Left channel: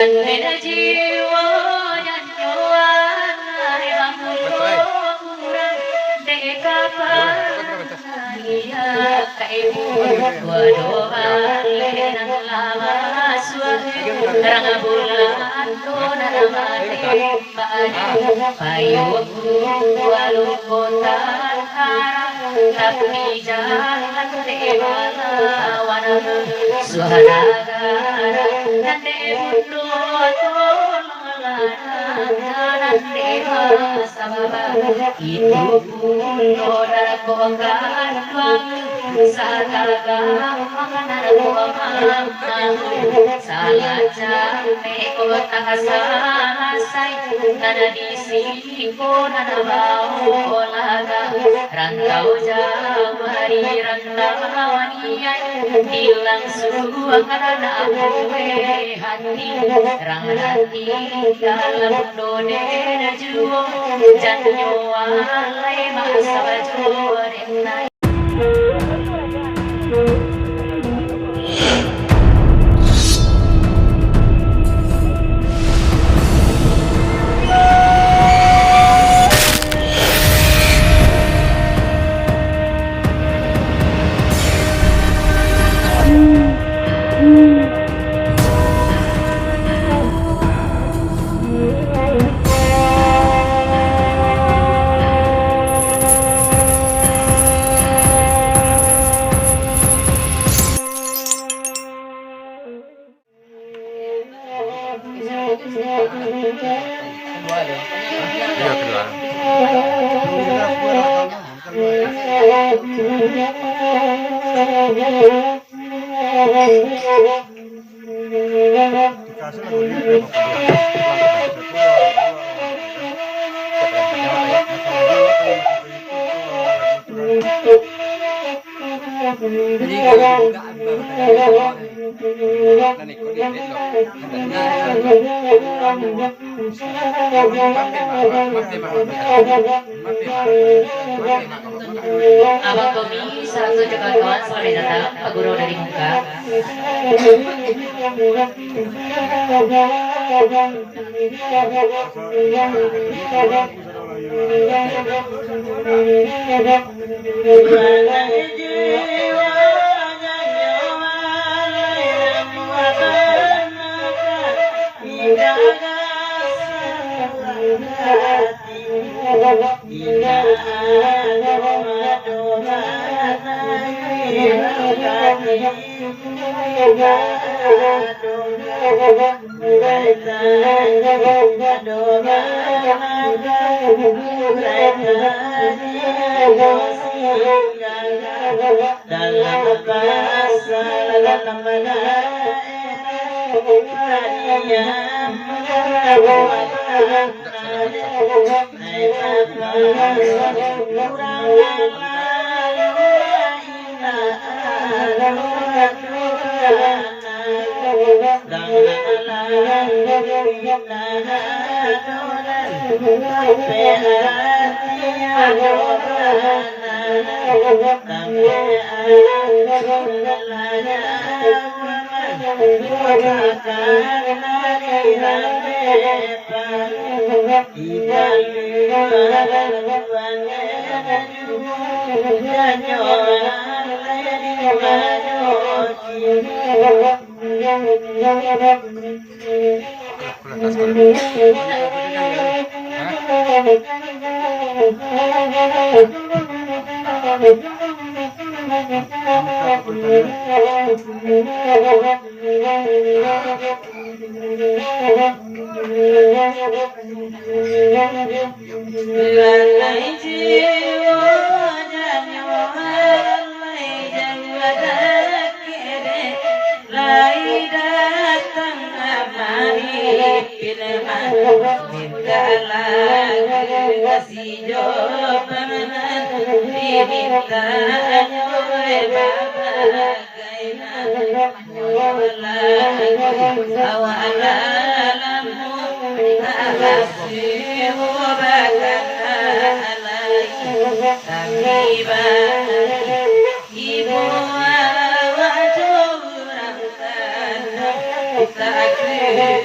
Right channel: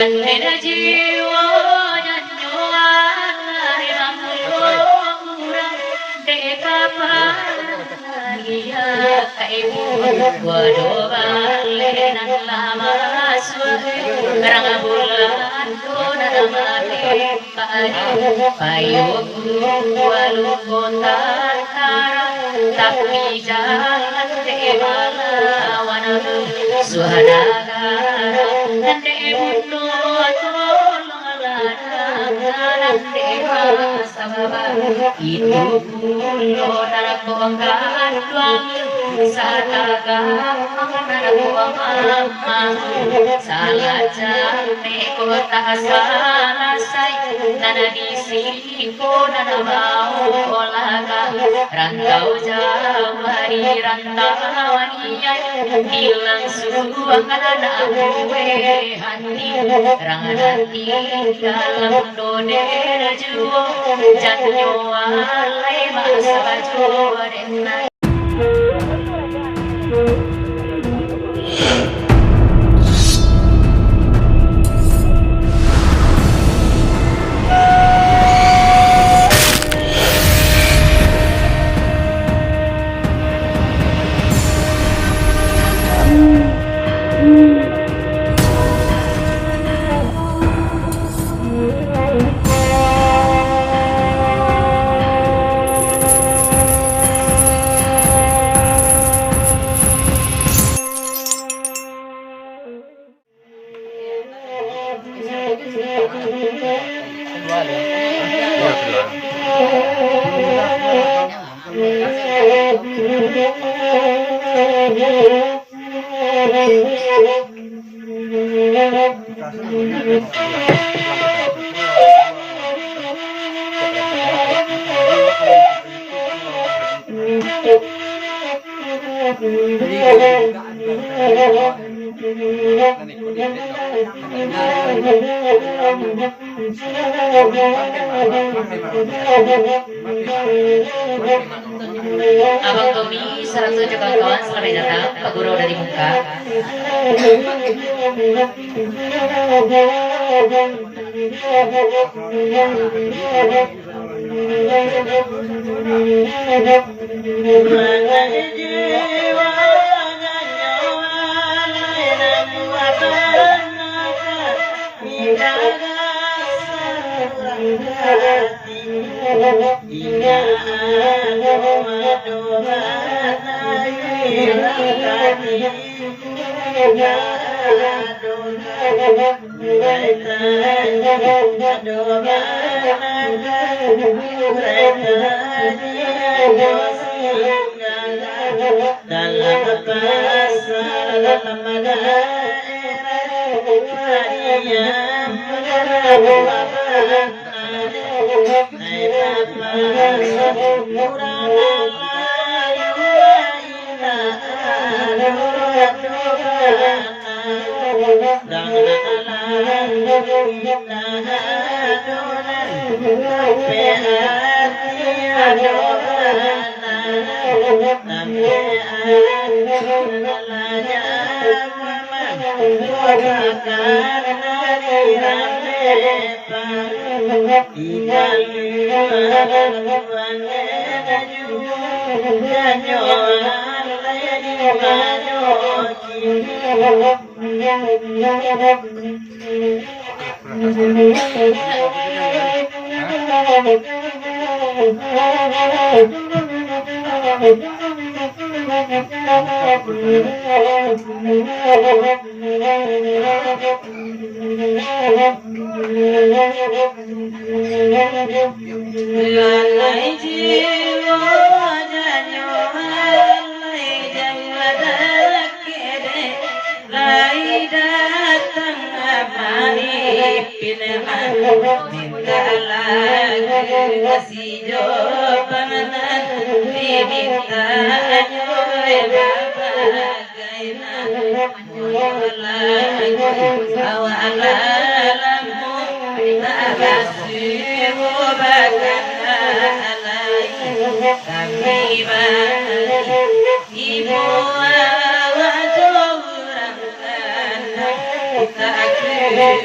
Nena jiwa nyanyoan hamurang dekapan iya kaibu gua doa lenan lama suami karang bulan dona mati payung walu kontan tapi jalan demala wana suhadaga nande bundo itu pulo darabonggan tuang sataga mama salah jampe kota salasai nana disiko nana bau olaga rantau jauh hari rantau niai hilang suang nana gue hati ranganati dalam dode juo janyo alai masa baju denai Abang Tommy, 107 kawan selamat datang Pak Guru dari Muka.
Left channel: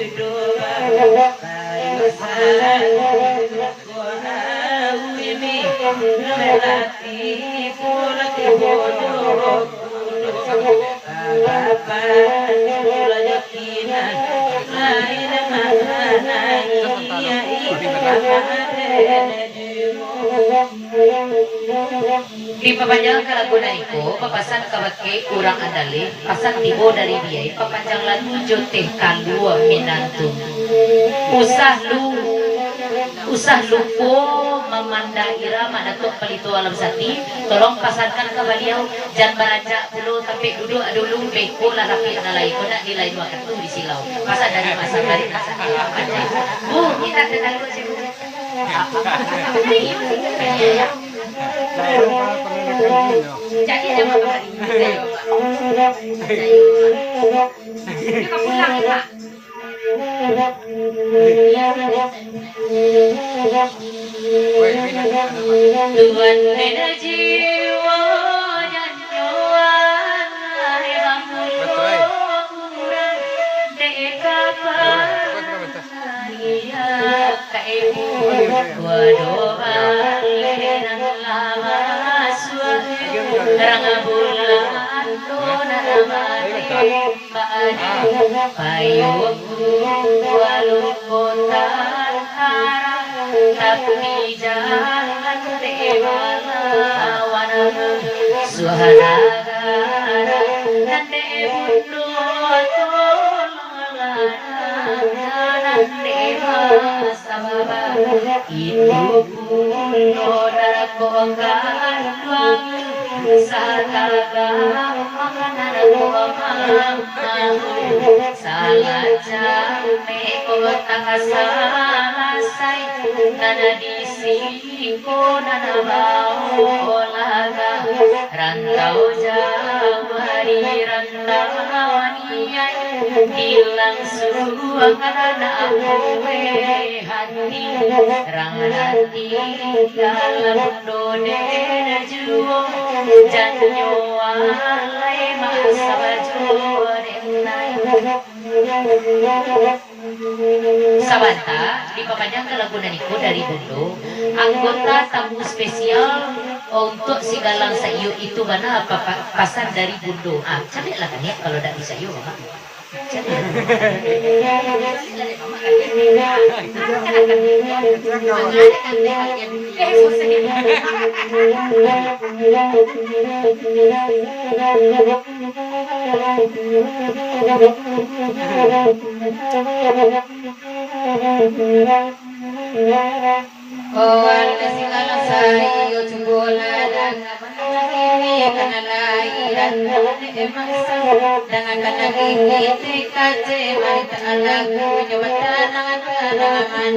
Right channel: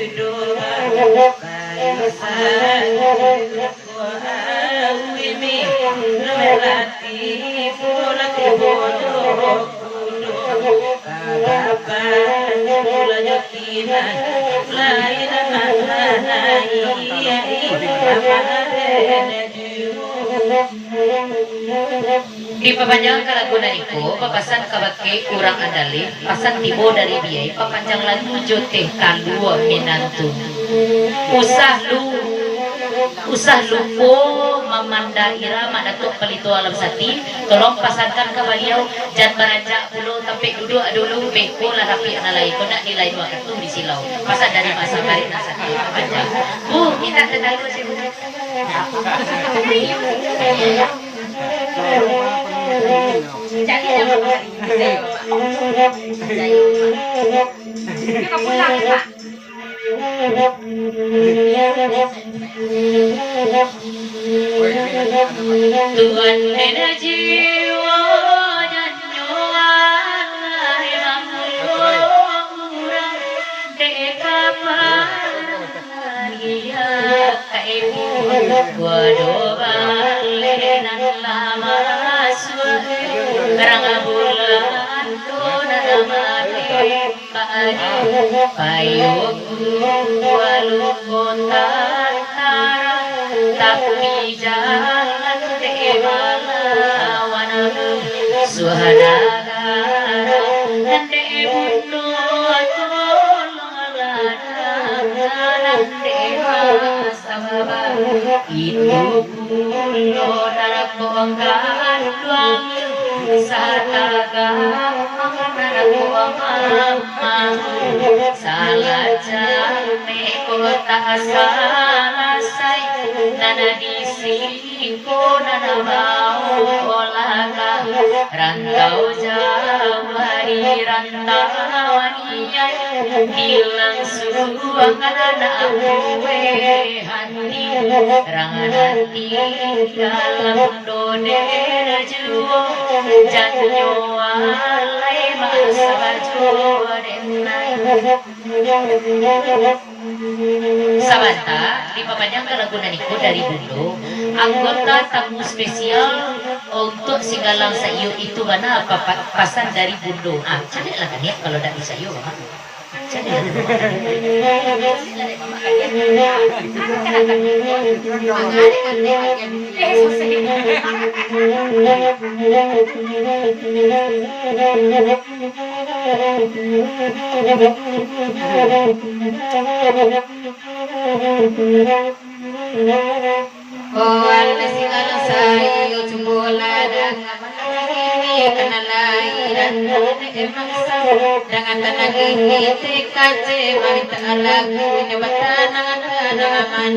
Ibu Di papanjang kalaguna iku papasan kabake kurang andali pasan tibo dari biaya papanjang lagu jote kalua minantu usah lupo mamanda irama datuk pelito alam sati tolong pasarkan ke beliau jangan beranjak dulu tapi duduk dulu beko lah tapi analai kena nilai dua itu di silau masa dari masa dari masa Bu kita sedang sih Bu Tuhan nena jiwa nyanyoan emang dekapan iya kaibu gua doa lenan lama suami karang bulan dona mati padi payungku walau kota tapi jangan dewala wanamu suhanaga nande bundo tolongana dewa sababa itu bundo darakongkan luang sataga narakongkan salah jamne kota salasai nana disiko nana mau olaga rantau jauh hari rantau niai hilang suruh nana awe hati ranganati dalam dodena juo janyo alai masa baju denai Sabanta di papanjang kelagunan itu dari dulu anggota tamu spesial untuk si galang sayu itu mana apa pasan dari Bundo cari lah kan ya kalau dari sayu Oh Allah singala sayu cumbulana ini kanalai dan emang dengan tanah ini trikace wanita alaku nyawatan angan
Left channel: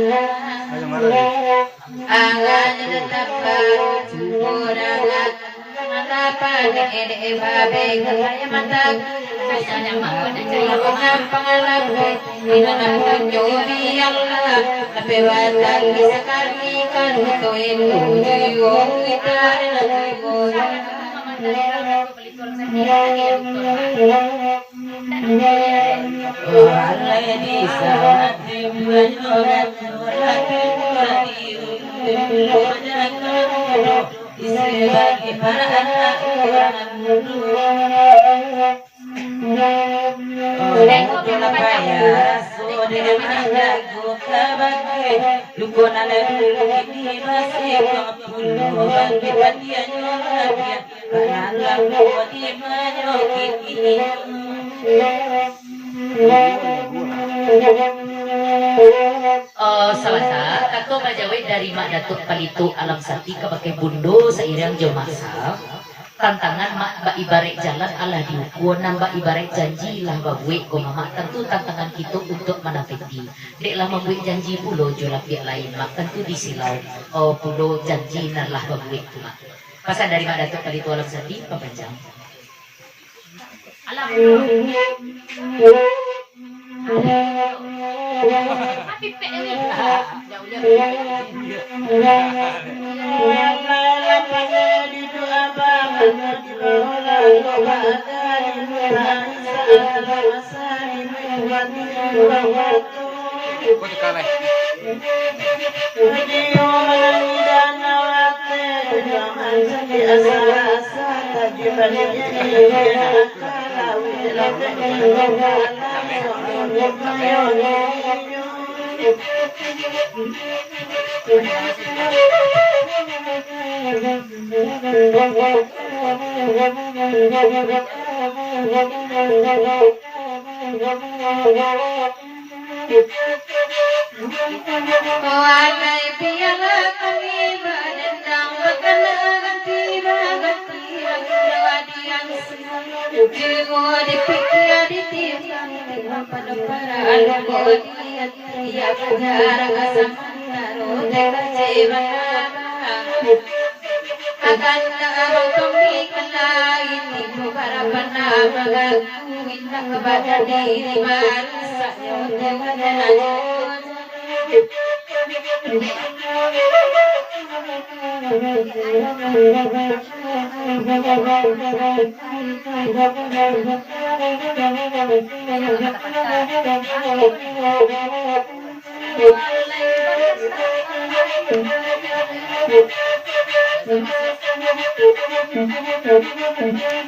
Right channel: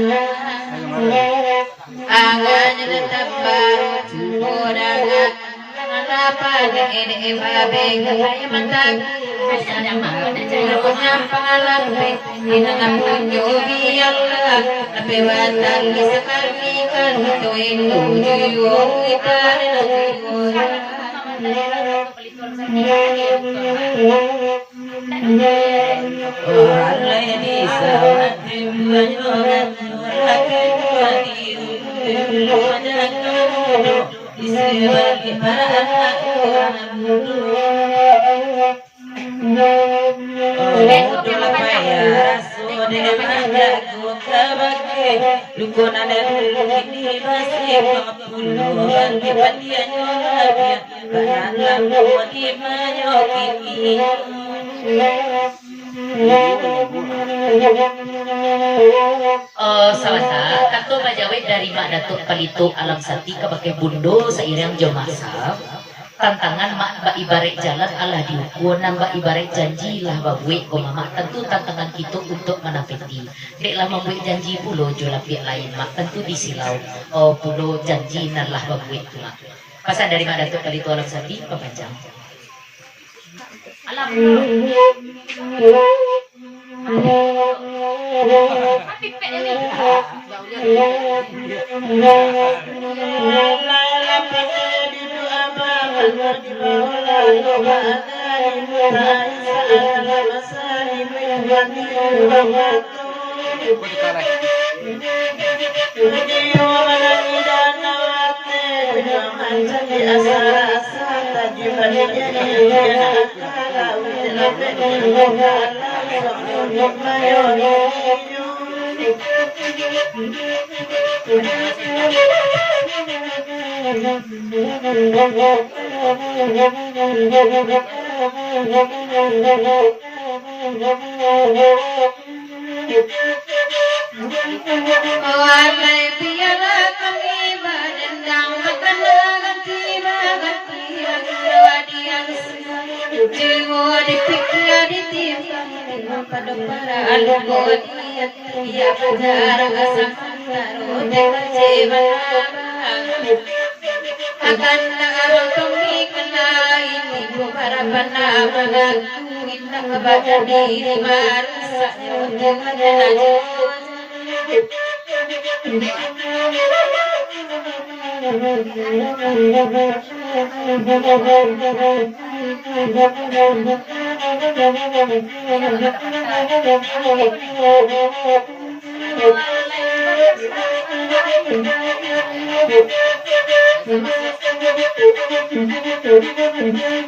angan tetap baru cumbulana apa ini babe gaya mata punya pengalaman ini namanya Allah tapi wadah sekali kan itu kita Selasa Kato Majawi dari Mak Datuk Kalitu Alam Sati ke Bundo seiring Jomasa tantangan mak ibarat jalan Allah diukur nambah ibarat janji lah babuik mama tentu tantangan kita untuk menapeti deklah membuat janji pulo jola pihak lain mak tentu disilau pulo janji nalah babuik pula pasal dari Mak Datuk Kalitu Alam Sati kepanjang alam akan tumbikan lain ibu harapan minta kepada diri manusia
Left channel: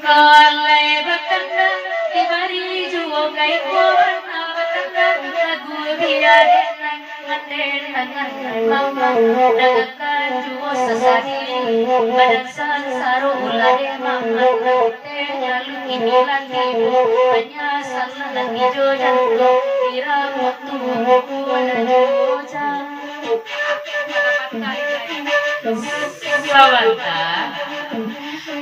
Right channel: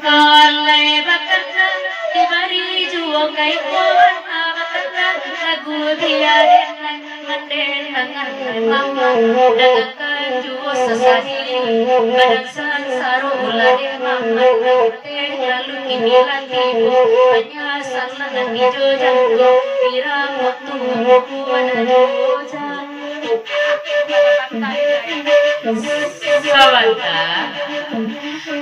Kalai batanda di mari juang kai kawan batanda lagu dia manden tangan mama dagakan juo sasadi badan san saru ulade mama lalu kini lagi hanya salah hijau jangko pirang waktu Sawanta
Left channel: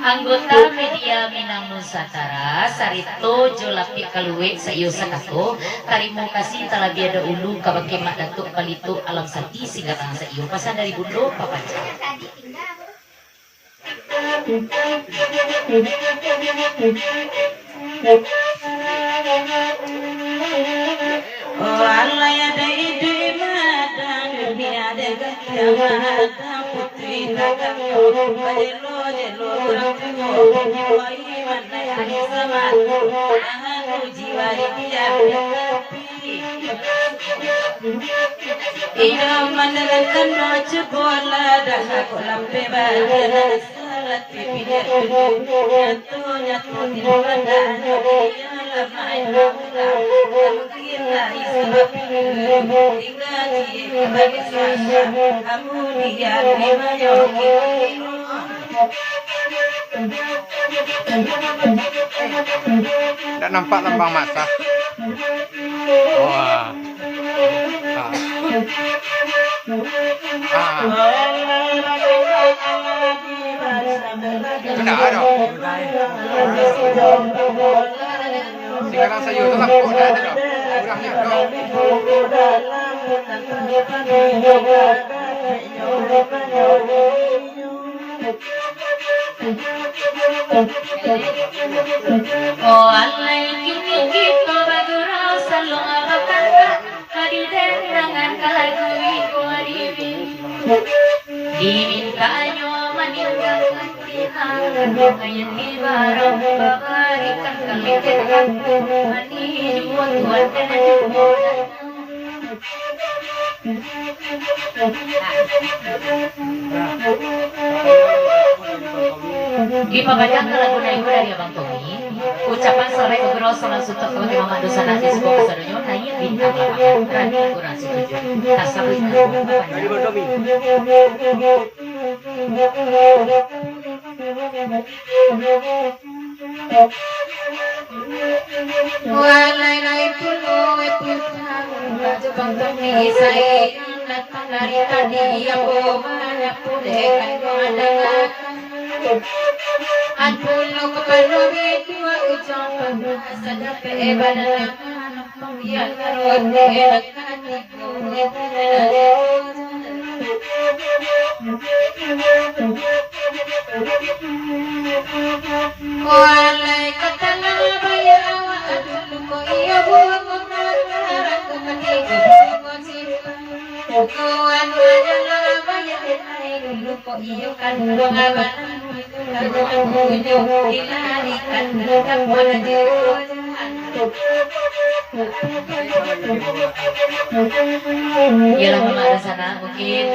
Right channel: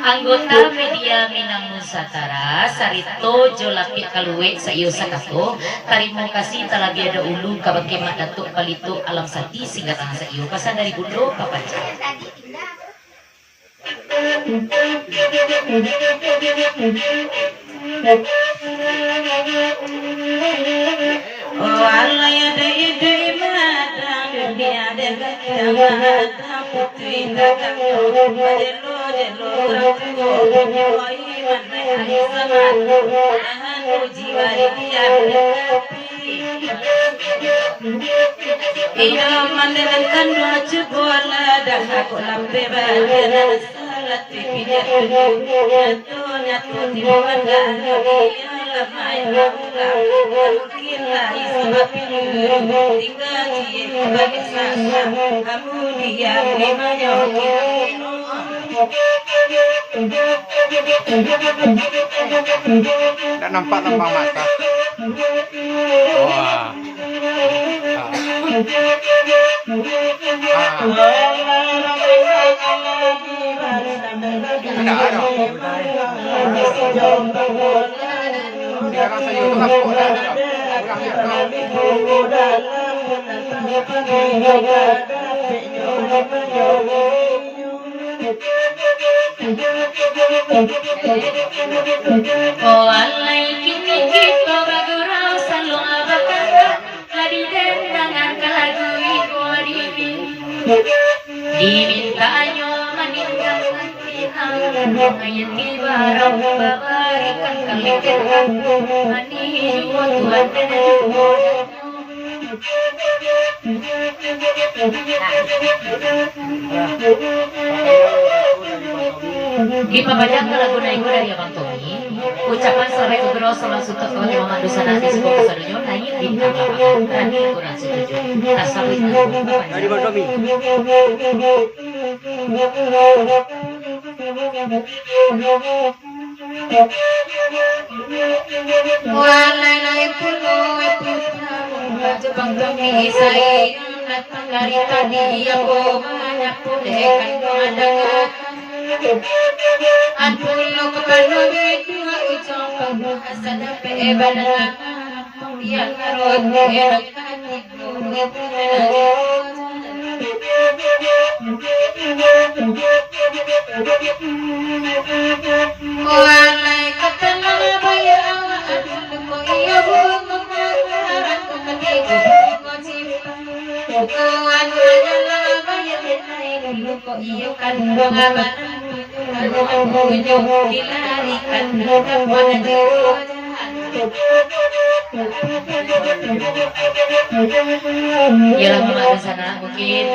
anggota media Minang Nusantara Sarito Jolapi Kaluwe sayo sakato tarimo kasih talagi ada ulu kabake mak datuk palitu alam sati singgatang sayo pasan dari bundo papaca Walaya dai dai madang dunia degat putri datang jelo jelo ratu wai mane ani sama tahan jiwa dia iya manenkan maju bola dah kolam beban salat pipinya nyatu nyatu di mana dia lamai kita isbat tiga tiga besar aku dia lima tak nampak lambang mata. Oh, sekarang saya alai kini kita bagurau salong abakan kadi dendangan kalagui ko adibi dimintanyo meninggalkan Tuhan ngayon di barang babarikan kaliketan ani jual Tuhan tenan di pabajang lagu na ibu dari Abang Tommy ucapan sarai ugro sama sutok kalau memang dosa nasi sebuah kesadonyo hanya bintang lapangan dan kurang setuju tasawit dari Abang Tommy walai lai pulo Abang Tommy saya datang dari tadi aku banyak pudekan pandangan Anpulo kepala berdua ujung pada asal pebadan yang karut dekat Walai ketela bayar ko iya bunga aku ketiga kawan adalah bayar dulu ko iya kan bangaban aku dilarikan kepada ya lagu ada sana mungkin